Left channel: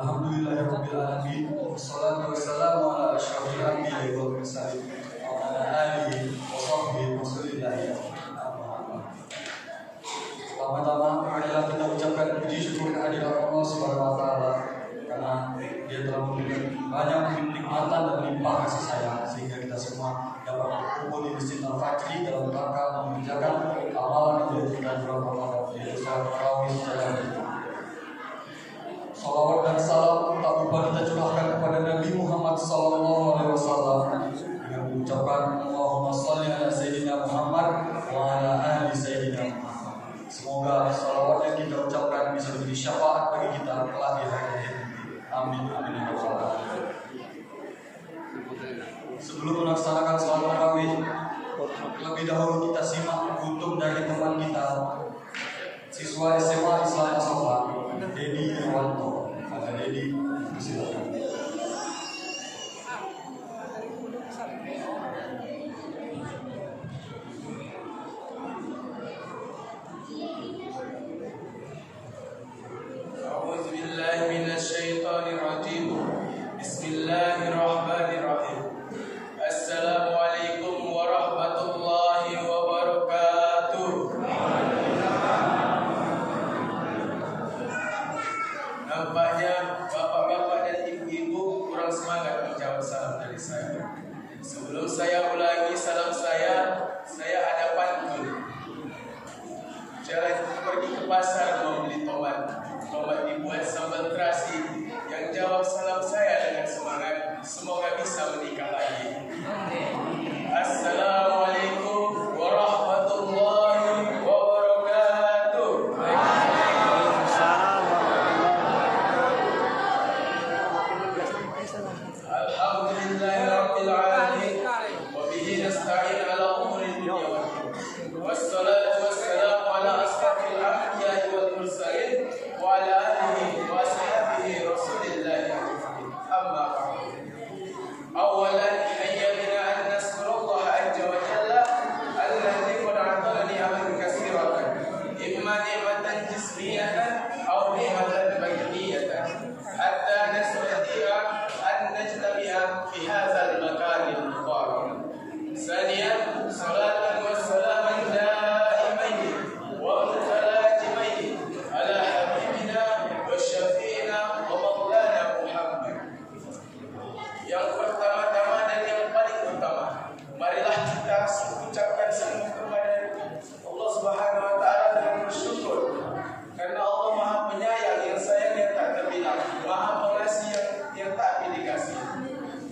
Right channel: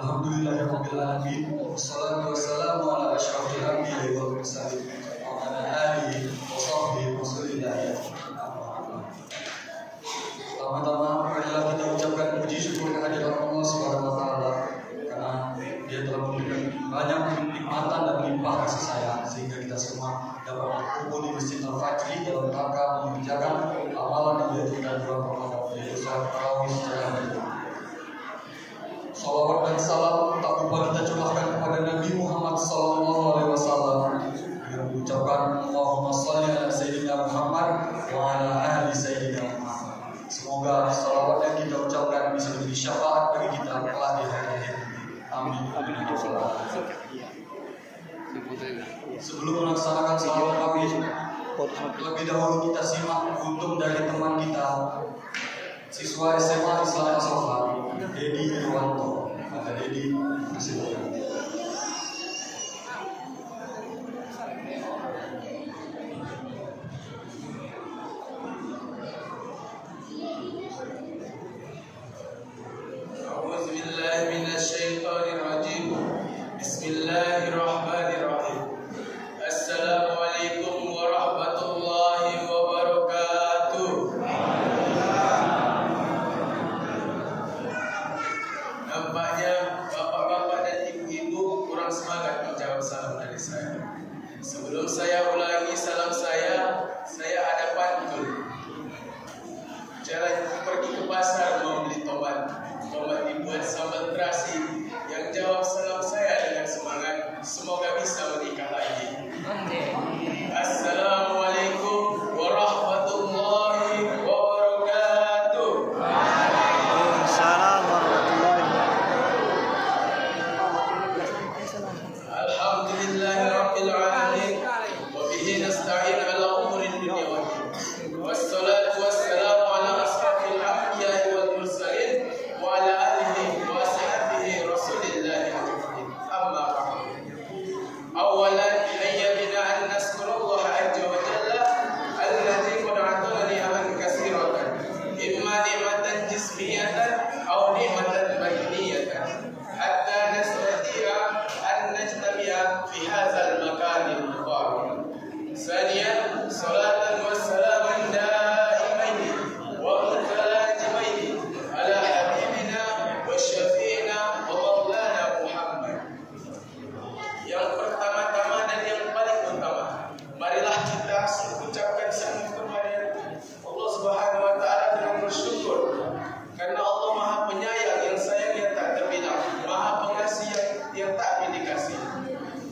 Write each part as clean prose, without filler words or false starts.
Alhamdulillahirabbil alamin. Wassalatu wassalamu ala asyrofil anbiya'i wal mursalin wa ala alihi wa sahbihi wasallam. Pertama-tama marilah kita ucapkan puji syukur kehadirat Allah Subhanahu wa taala karena Dia telah memberikan banyak nikmatan dan limpah kasih sayang sehingga kita semua dapat berkumpul di Masjid Al-Fajri dalam rangka mengerjakan amalan yang dianjurkan bulan Ramadan yaitu salat tarawih secara berjamaah. Salawat dan salam tak lupa kita curahkan kepada Nabi Muhammad SAW dengan mengucapkan Allahumma shalli ala Sayyidina Muhammad wa ala ali Sayyidina Muhammad. Semoga salawat yang kita ucapkan bisa menjadi syafaat bagi kita kelak di hari akhir. Amin. Sebelum melaksanakan salat tarawih, lebih dahulu kita simak kultum dari teman kita, siswa SMA Islam Asofa, Dedi Irwanto. Maka Dedi, silakan. Bismillahirrahmanirrahim. Assalamualaikum warahmatullahi wabarakatuh. Nampaknya bapak-bapak dan ibu-ibu kurang semangat menjawab salam dari saya. Sebelum saya ulangi salam saya ada pantun. Cara pergi ke pasar membeli tomat dibuat sambal terasi. Yang jawab salam saya dengan semangat, semoga bisa menikah lagi. Assalamualaikum warahmatullahi wabarakatuh. Waalaikumsalam warahmatullahi wabarakatuh. Alhamdulillahirabbil alamin wa bihi nasta'in ala umuri dunya wad din. Wassalatu wassalamu ala asrafil anbiya'i wal mursalin wa ala alihi wa sahbihi rasulillahi ajma'in. Amma ba'd. Awalan hayya bina an naskurullah azza wa jalla alladzi qad atana ni'aman katsiratan imma ni'matan jismiyatan aw ni'matan badaniyatan hatta nastati'a an najtami'a fi hadzal makan al-mubarak. Thaniyan salatan wa salaman daimaini wa mutalazimaini ala habibina wa syafi'ina wa maulana Muhammad. Yang pertama-tama dan yang paling utama, marilah kita ucapkan syukur kepada Allah Subhanahu wa taala dengan bersyukur karena Allah Maha Penyayang yang sayangnya tak terbilang, Maha Pengasih yang tak pilih kasih.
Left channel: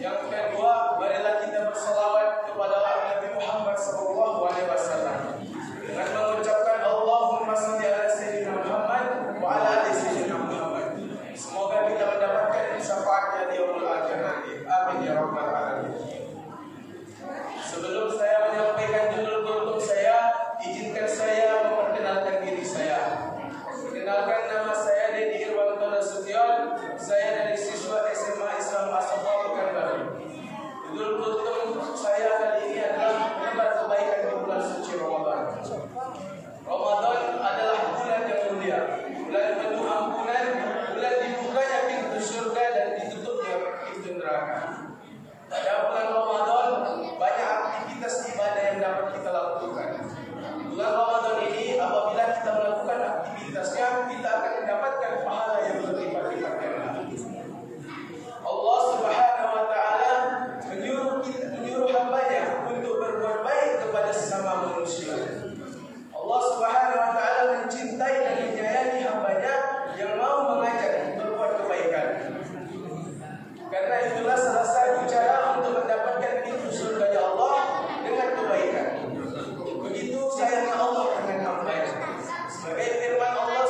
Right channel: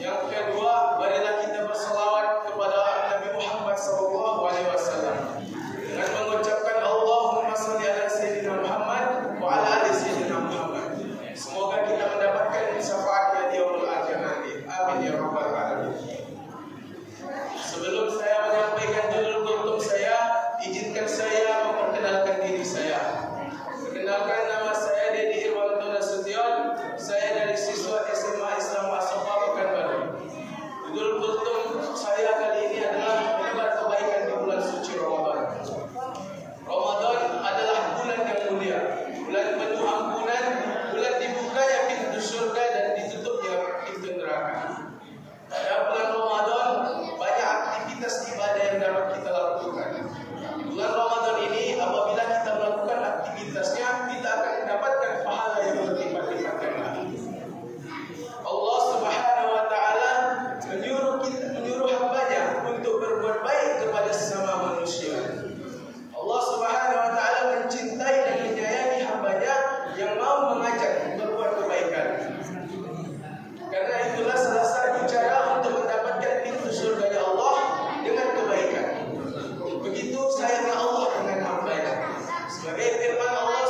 Yang kedua, marilah kita berselawat kepada Nabi Muhammad SAW dengan mengucapkan Allahumma shalli ala Sayyidina Muhammad wa ala ali Sayyidina Muhammad. Semoga kita mendapatkan syafaatnya di yaumul akhir nanti. Amin ya rabbal alamin. Sebelum saya menyampaikan judul kultum saya, izinkan saya memperkenalkan diri saya. Perkenalkan, nama saya Dedi Irwanto Nasution. Saya dari siswa SMA Islam Asofa Pekanbaru. Judul kultum saya kali ini adalah menebar kebaikan di bulan suci Ramadan. Ramadan adalah bulan yang mulia, bulan penuh ampunan, bulan dibukanya pintu surga dan ditutupnya pintu neraka. Pada bulan Ramadan banyak aktivitas ibadah yang dapat kita lakukan. Di bulan Ramadan ini apabila kita melakukan aktivitasnya, kita akan mendapatkan pahala yang berlipat-lipat ganda. Allah Subhanahu wa taala menyuruh hambanya untuk berbuat baik kepada sesama manusia. Allah Subhanahu wa taala mencintai dan menyayangi hambanya yang mau mengajak berbuat kebaikan. Karena itulah salah satu cara untuk mendapatkan pintu surga Allah dengan kebaikan. Begitu sayangnya Allah dengan hambanya. Sebagai firman Allah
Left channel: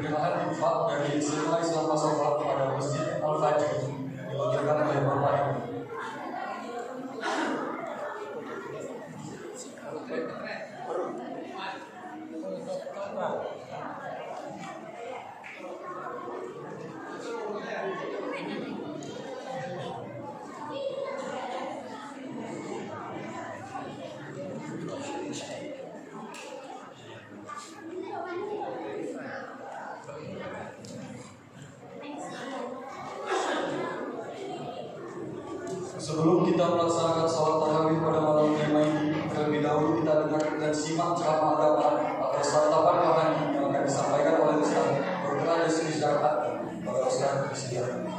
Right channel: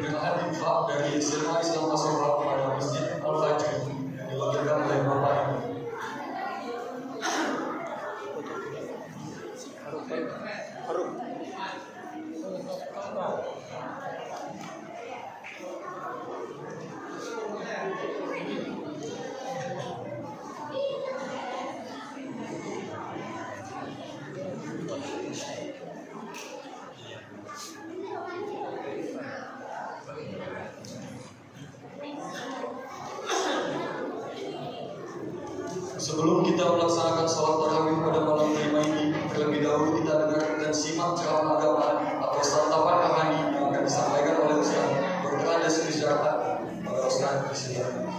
pertengahan infak dari SMA Islam Masyarakat pada Masjid Al-Fajr dilakukan oleh Bapak ini. Sebelum kita melaksanakan sholat tarawih pada malam kelima ini, terlebih dahulu kita dengar dan simak ceramah agama atau santapan rohani yang akan disampaikan oleh Ustaz Dr. Andes Rizata pada Ustaz Rizata.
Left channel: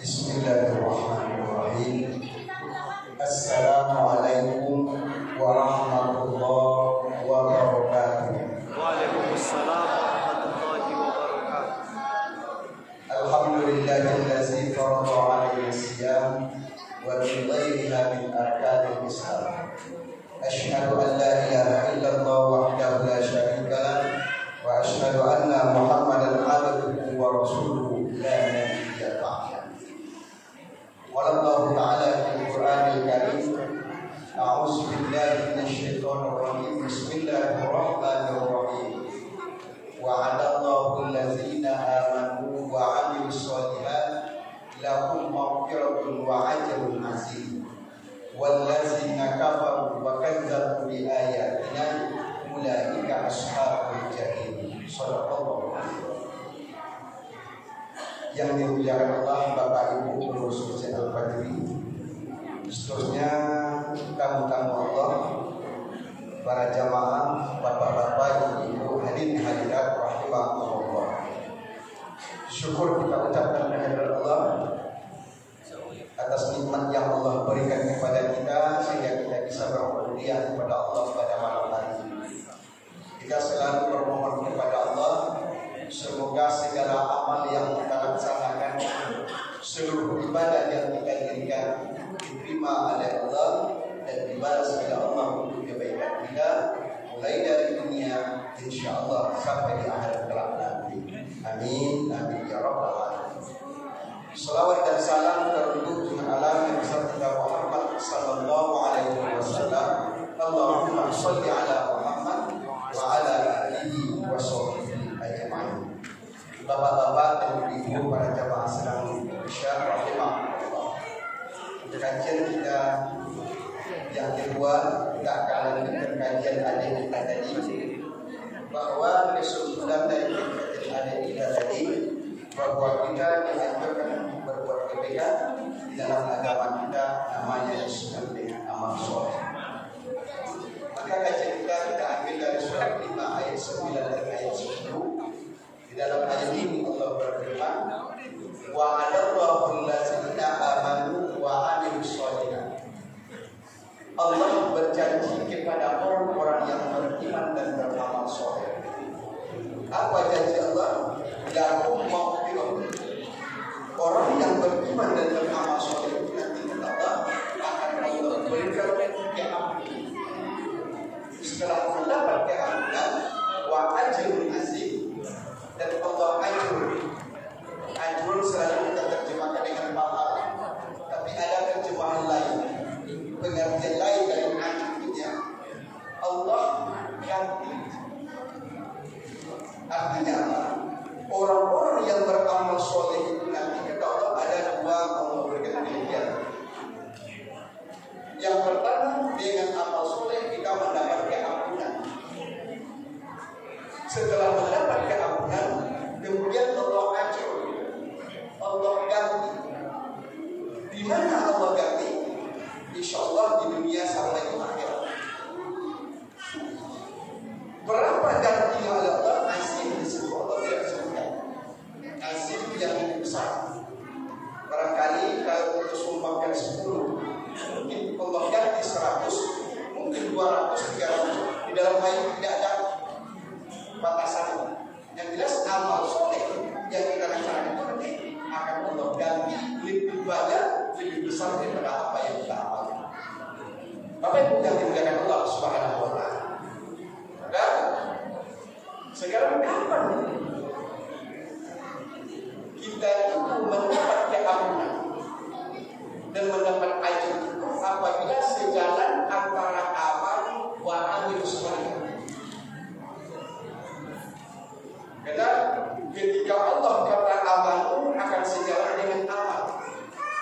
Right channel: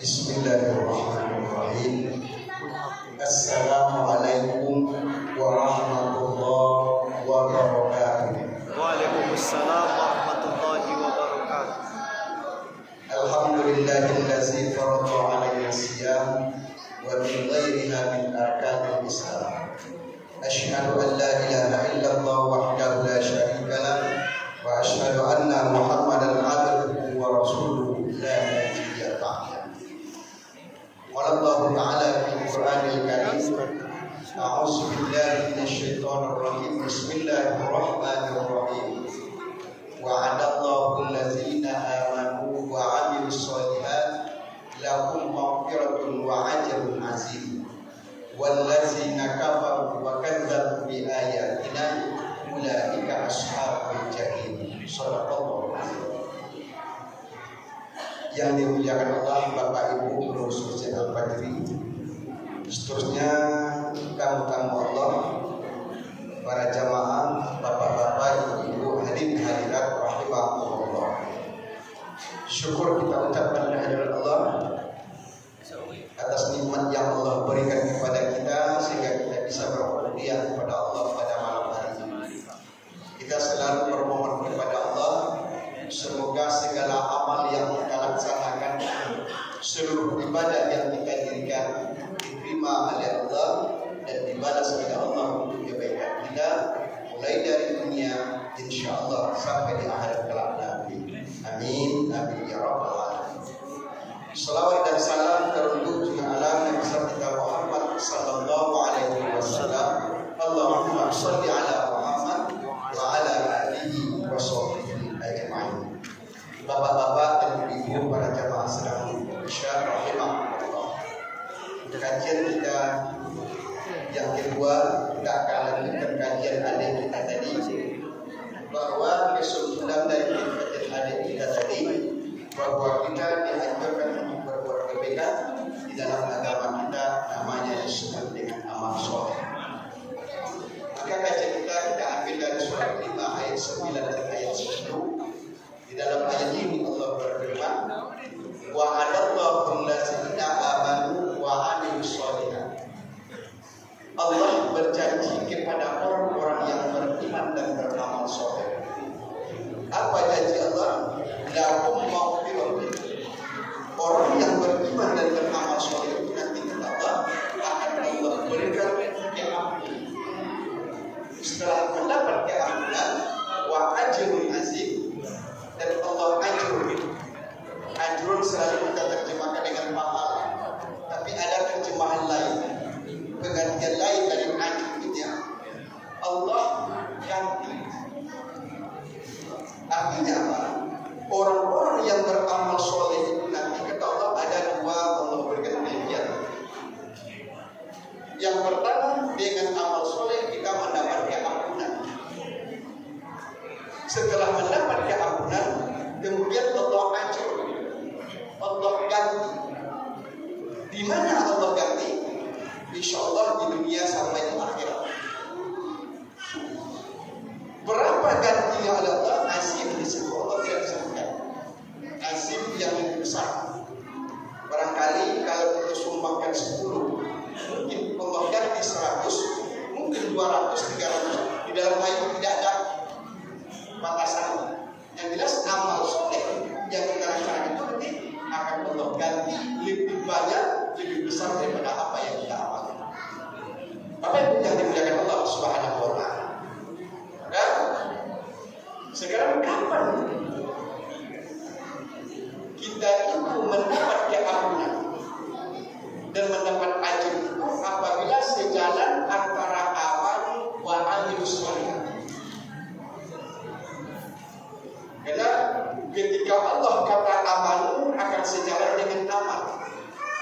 Bismillahirrahmanirrahim. Assalamualaikum warahmatullahi wabarakatuh. Waalaikumsalam warahmatullahi wabarakatuh. Alhamdulillahillazi farada 'alaina siyam wa min ghairiha min arkanil Islam. Asyhadu an la ilaha illallah wahdahu la syarika lah wa asyhadu anna Muhammadan abduhu wa rasuluhu la nabiyya ba'dah. Qala Allah Ta'ala fil Qur'anil Karim, a'udzu billahi minasyaitonir rajim. Bismillahirrahmanirrahim. Wa'adallahu allazina amanu wa 'amilus shalihat lahum maghfiratun wa ajrun 'azim. Wallazina kafaru wa kadzdzabu bi ayatina ulaika ashabul jahim. Shadaqallahu alazim. Yang dimuliakan Allah, Bapak Ibu pengurus Masjid Al-Fajri, seterusnya tamu-tamu Allah, para jamaah, bapak-bapak, ibu-ibu, hadirin hadirat rahimahumullah. Syukur kita ucapkan kehadirat Allah atas nikmat yang Allah berikan kepada kita sehingga kita bisa berhadiah kepada Allah pada malam hari ini. Kita selalu bermohon kepada Allah, semoga segala amal yang kita laksanakan, seluruh ibadah yang kita dirikan diterima oleh Allah dan dibalas oleh Allah untuk kebaikan kita, mulai dari dunia insyaallah sampai di akhirat kelak nanti. Amin amin ya rabbal alamin. Salawat dan salam teruntuk ala Nabi kita Muhammad sallallahu alaihi wasallam. Allahumma shalli ala Muhammad wa ala alihi wa sahbihi ajma'in. Bapak-bapak dan ibu para jamaah sedang Isya rahimahullah. Kajian kita yang kedua tidak kalah dengan kajian adik kita tadi, bahwa kesimpulan dari kajian adik kita tadi bahwa kita dianjurkan untuk berbuat kebaikan di dalam agama kita, namanya disebut dengan amal soleh. Maka kajian kita ambil dari surat 5 ayat 9 dan ayat 10. Di dalam ayat ini Allah berfirman, wa'adallahu allazina amanu wa 'amilus shalihat. Allah berjanji kepada orang-orang yang beriman dan beramal soleh. Apa janji Allah? Lahum maghfirah. Orang yang beriman dan beramal soleh itu nanti kata Allah akan Allah berikan keampunan. Setelah mendapat keampunan, wa ajrun azim, dan Allah ajrun selalu kita terjemahkan dengan pahala, tapi ada terjemahan lain, pengertian lain dari ajrunnya. Allah ganti. Artinya apa? Orang-orang yang beramal soleh itu nanti kata Allah ada dua Allah berikan pilihan. Yang pertama, dengan amal soleh kita mendapat keampunan. Setelah mendapat keampunan, kemudian Allah ajur, Allah ganti. Di mana Allah ganti? Insya Allah di dunia sampai di akhirat. Berapa gantinya oleh Allah? Azim disebut, Allah tidak disebutkan. Azim yang lebih besar. Barangkali kalau kita sumbangkan 10, mungkin Allah ganti 100, mungkin 200, 300. Di dalam ayat tidak ada batasan. Yang jelas amal soleh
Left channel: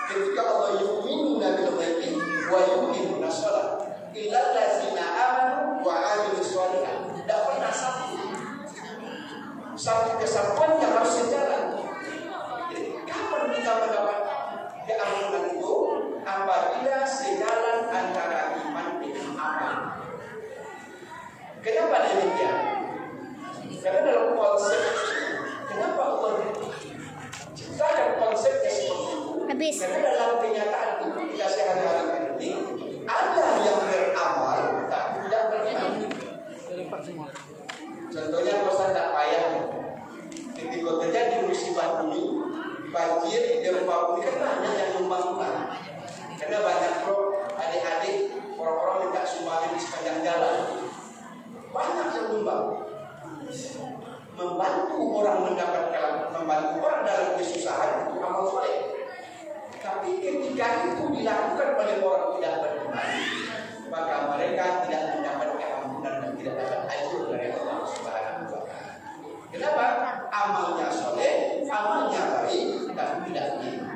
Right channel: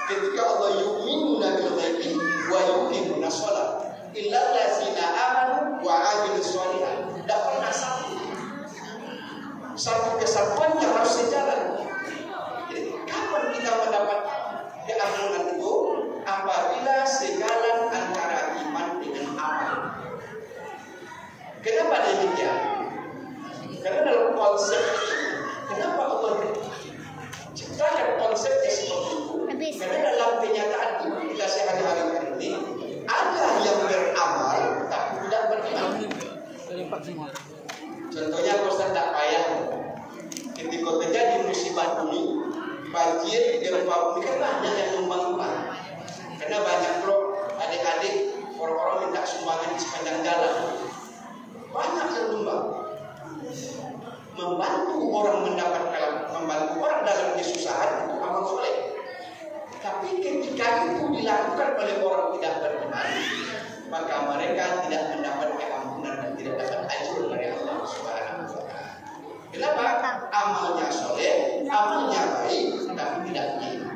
Ketika Allah yu'minuna bil ghaibi wa yuqimuna shalah illa allazina amanu wa 'amilus shalihat. Tidak pernah satu kesatuan yang harus sejalan. Jadi kapan kita mendapat keamanan itu? Apabila sejalan antara iman dengan amal. Kenapa demikian? Karena dalam konsep kenapa Allah ciptakan konsepnya seperti itu? Karena dalam kenyataan itu kita sehari-hari ini ada yang beramal tapi tidak beriman. Contohnya Ustaz tak payah ketika terjadi musibah bumi, banjir, gempa bumi, kan banyak yang nyumbang. Karena banyak bro, adik-adik, orang-orang minta sumbangan di sepanjang jalan. Banyak yang nyumbang. Membantu orang membantu orang dalam kesusahan itu amal soleh. Tapi ketika itu dilakukan oleh orang tidak beriman, maka mereka tidak mendapat keampunan dan tidak dapat ajur dari Allah Subhanahu wa Ta'ala. Kenapa? Amalnya soleh, amalnya baik, tapi tidak beriman.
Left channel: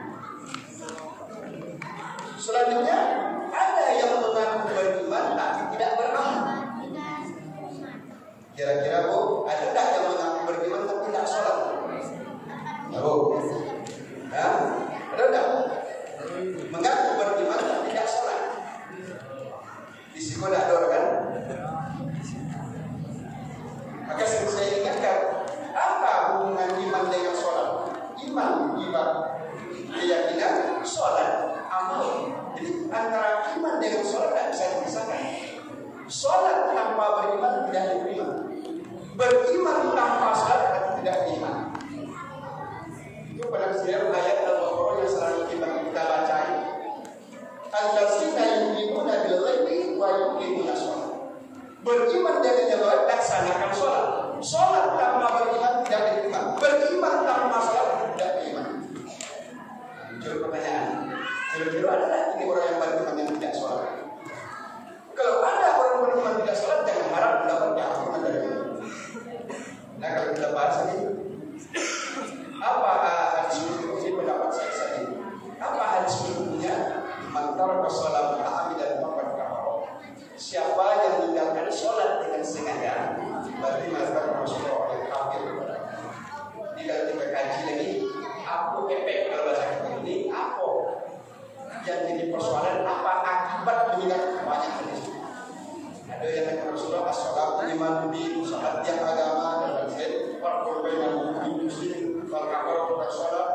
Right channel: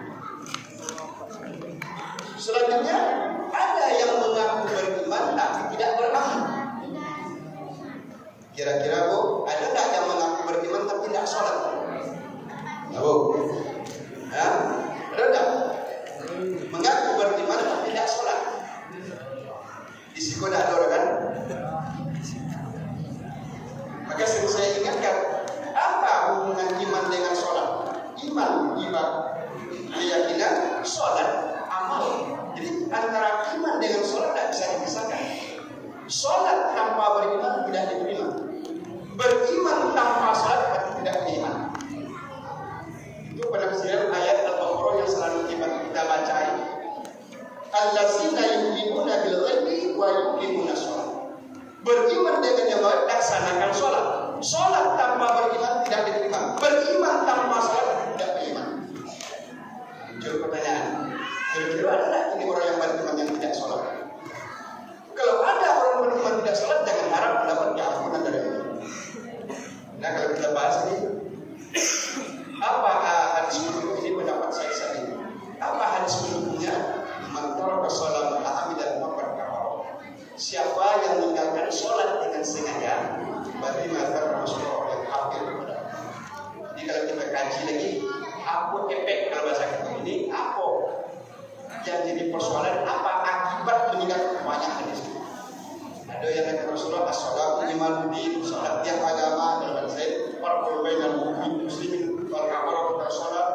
Selanjutnya ada yang mengaku beriman tapi tidak beramal. Kira-kira Bu, ada tak yang mengaku beriman tapi tidak sholat? Ya Bu, ada tak? Mengaku beriman tapi tidak sholat. Di situ ada orang kan? Maka saya ingatkan, apa hubungan iman dengan sholat? Iman, keyakinan, sholat, amal. Jadi antara iman dengan sholat tidak bisa dipisahkan. Sholat tanpa beriman tidak diterima. Beriman tanpa sholat tidak beriman. Itu pada kesadaran ayat Al-Baqarah yang selalu kita baca. Allazina yu'minuna bil ghaibi wa yuqimuna shalah. Beriman dengan yang gaib, laksanakan sholat. Sholat tanpa beriman tidak diterima. Beriman tanpa sholat tidak beriman. Muncul pertanyaan, kira-kira ada tak ini orang yang beriman yang tidak sholat? Kalau ada orang beriman tidak sholat, jangan harap mendapat keampunan dari Allah. Nah, kalau kita bahas ini, apa hadis ini pendapat saya ini? Apa hadis berikutnya? Antara sholat ta'ami dan makan kafar. Siapa yang meninggalkan sholat dengan sengaja, berarti melakukan Rasulullah yang kafir. Jadi kalau kita kaji lagi, apa efek kalau bahasa kita ini? Apa yang jadi persoalan? Apa akibat meninggalkan banyak hadis? Ada yang kata Rasulullah, as-salatu imanuddin, salat yang agama dan bangsa. Para perbaikan mukmin muslimin, para kafir sholat.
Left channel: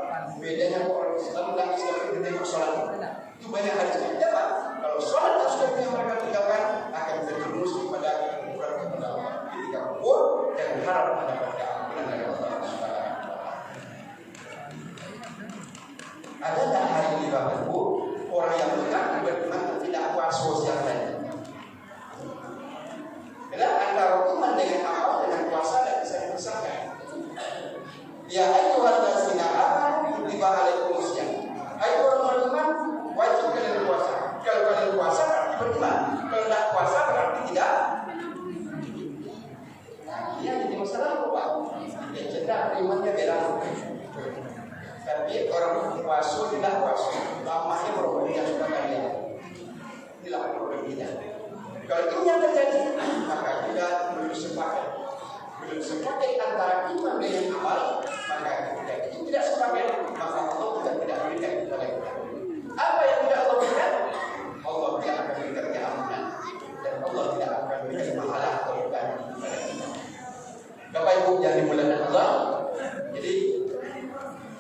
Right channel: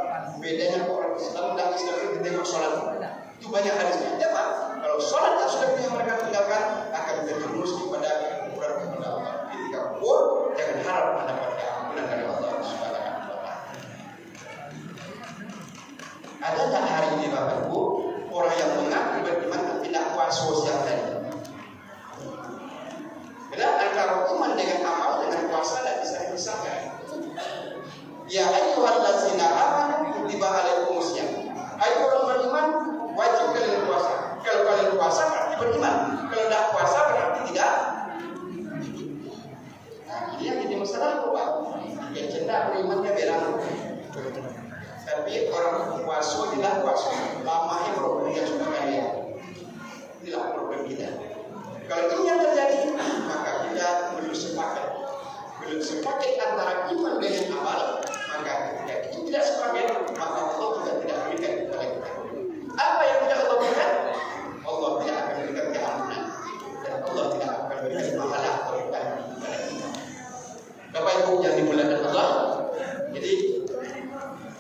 Bedanya orang Islam dan Islam itu tidak sholat. Itu banyak hadisnya. Ya kan? Kalau sholat yang sudah mereka tinggalkan akan terjerumus kepada kekufuran kepada Allah. Ketika kufur, jangan harap mendapat keampunan dari Allah Subhanahu wa Ta'ala. Ada tak hari ini Bapak Ibu orang yang mengaku beriman tapi tidak puasa sosial tadi? Karena antara iman dengan amal dengan puasa tidak bisa dipisahkan. Ya ayyuhallazina amanu kutiba alaikumusiyam. Ayo orang beriman wajib kalian puasa. Kalau kalian puasa berarti beriman. Kalau tidak puasa berarti tidak. Nah, ini yang jadi masalah apa? Yang cendak berimannya beda. Tapi orang puasa tidak puasa. Lamanya problem yang sudah kalian. Inilah problem kita. Kalau ini yang terjadi, maka kita belum sepakat antara iman dengan amal. Maka ketika itu tidak sepakat, maka Allah juga tidak berikan kepada kita. Apa yang tidak Allah berikan? Allah tidak akan berikan keamanan dan Allah tidak akan berikan pahala atau kepada kita. Bapak Ibu yang dimuliakan Allah, jadi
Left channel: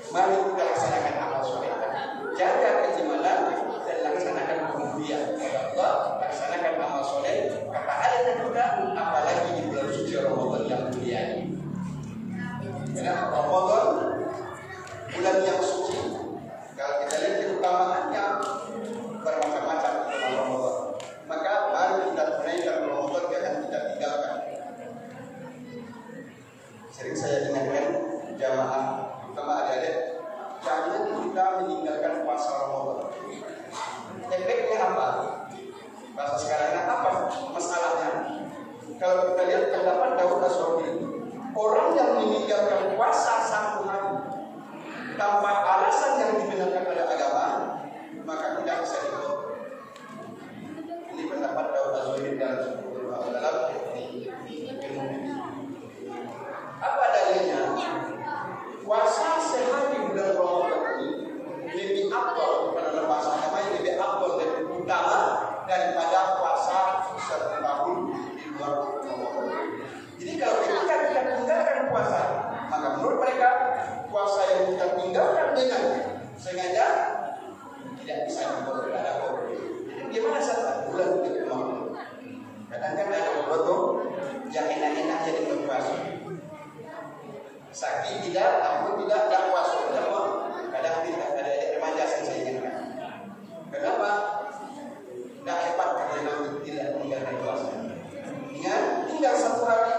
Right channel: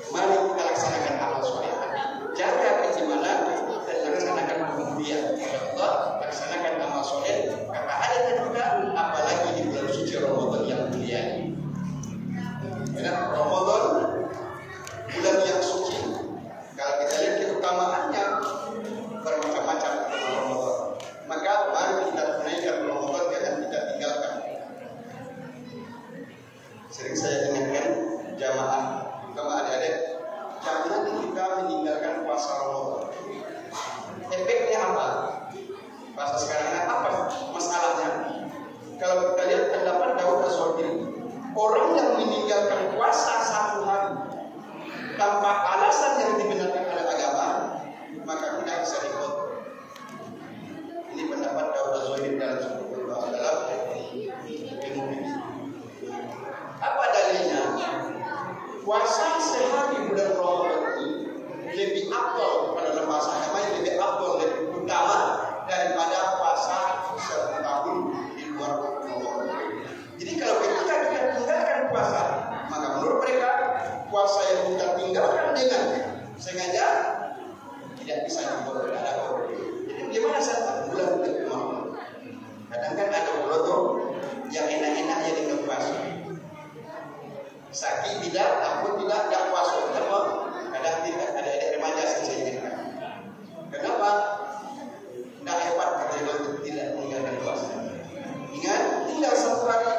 mari kita laksanakan amal soleh tadi. Jaga keimanan dan laksanakan kemudian kepada Allah, laksanakan amal soleh. Kata ayat juga, apalagi di bulan suci Ramadan yang mulia ini. Karena Ramadan bulan yang suci. Kalau kita lihat keutamaannya bermacam-macam dalam Ramadan. Maka mari kita tunaikan Ramadan, jangan kita tinggalkan. Sering saya ingatkan jamaah, terutama adik-adik, jangan kita meninggalkan puasa Ramadan. Efeknya apa? Puasa sekarang ini apa masalahnya? Kalau kita lihat terdapat Daud As-Sawri, orang yang meninggalkan puasa 1 hari tanpa alasan yang dibenarkan oleh agama, Sakit tidak, ampun tidak, tak puasa tidak mau. Kadang tidak, ada remaja saya ingatkan. Kenapa? Tidak hebat kerja tidak meninggalkan puasa. Ingat, tinggal satu hari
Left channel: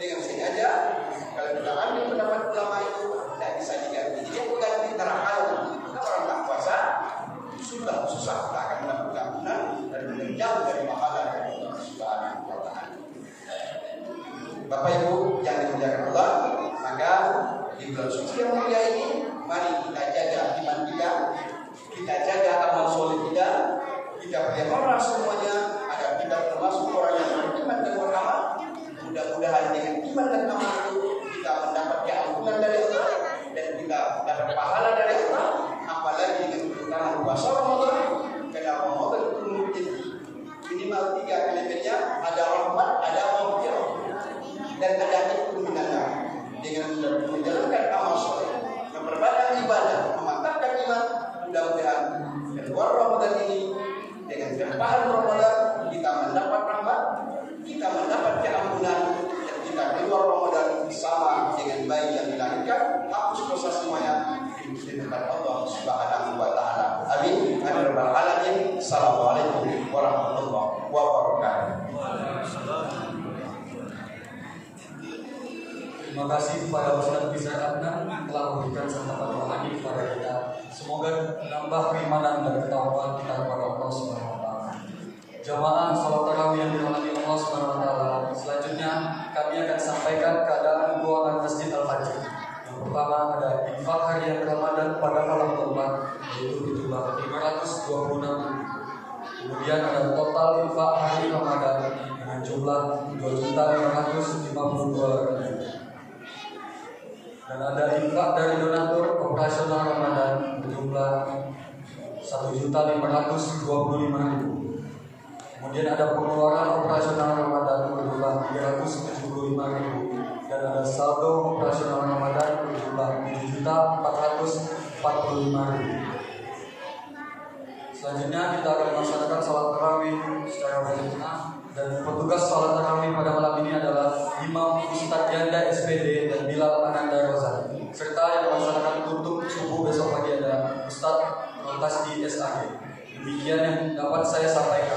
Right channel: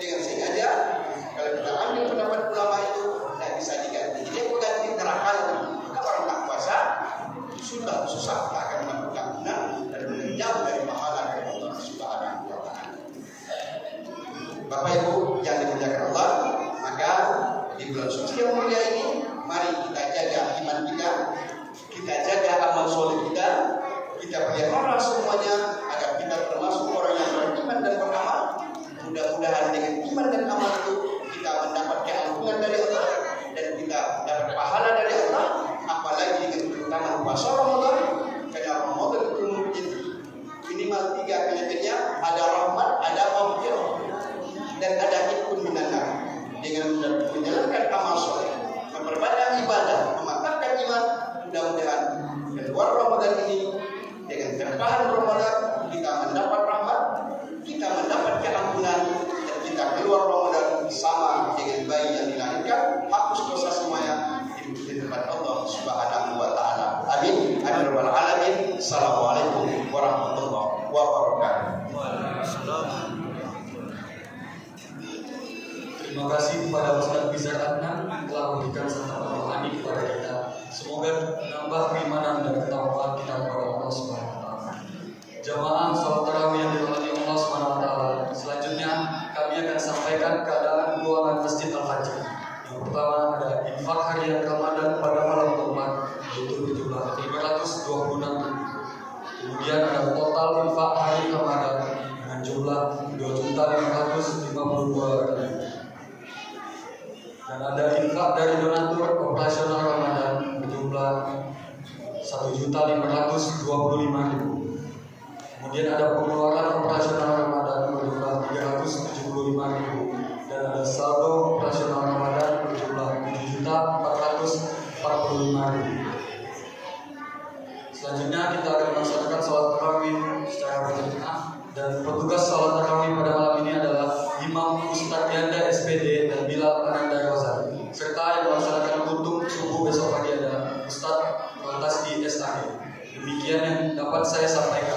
dengan sengaja. Kalau kita ambil pendapat ulama itu tidak bisa diganti. Dia berganti terhal. Kalau orang tak puasa sudah susah tak akan melakukan benar dan menjauh dari pahala dari Allah Subhanahu wa Ta'ala. Bapak Ibu yang dimuliakan Allah, maka di bulan suci yang mulia ini, mari kita jaga iman kita jaga amal soleh kita pelihara semuanya agar kita termasuk orang yang beriman dan beramal. Mudah-mudahan dengan iman dan amal itu kita mendapatkan ampunan dari Allah dan kita dapat pahala dari Allah. Apalagi dengan keutamaan puasa Ramadan, karena Ramadan itu mungkin minimal 3 kriterianya, ada rahmat, ada maghfirah, dan ada hikmah minanar. Dengan menjalankan amal soleh, memperbanyak ibadah, memantapkan iman, mudah-mudahan di luar Ramadan ini dengan terpahan Ramadan kita mendapat rahmat, kita mendapatkan ampunan, dan kita keluar Ramadan sama dengan bayi yang dilahirkan, hapus dosa semuanya di depan Allah Subhanahu wa Ta'ala. Amin. Amin rabbal alamin. Assalamualaikum warahmatullahi wabarakatuh. Terima kasih kepada Ustaz Bizar Adnan telah memberikan kesempatan rohani kepada kita. Semoga menambah keimanan dan ketakwaan kita kepada Allah Subhanahu wa Ta'ala. Jamaah salat tarawih yang dirahmati Allah Subhanahu wa Ta'ala. Selanjutnya kami akan sampaikan keadaan keuangan Masjid Al-Fajr. Yang pertama ada infak harian Ramadan pada malam keempat yaitu berjumlah 526. Kemudian ada total infak hari Ramadan dengan jumlah 2.552.000. Dan ada infak dari donatur operasional Ramadan berjumlah 1.525.000. Kemudian ada pengeluaran operasional Ramadan berjumlah 375.000 dan ada saldo operasional Ramadan berjumlah 7.445.000. Selanjutnya kita akan melaksanakan sholat tarawih secara berjamaah dan petugas sholat tarawih pada malam ini adalah Imam Ustadz Yanda SPD dan Bilal Ananda Rozali, serta yang melaksanakan kutuk subuh besok pagi adalah Ustadz Tasdi SAG. Demikian yang dapat saya sampaikan.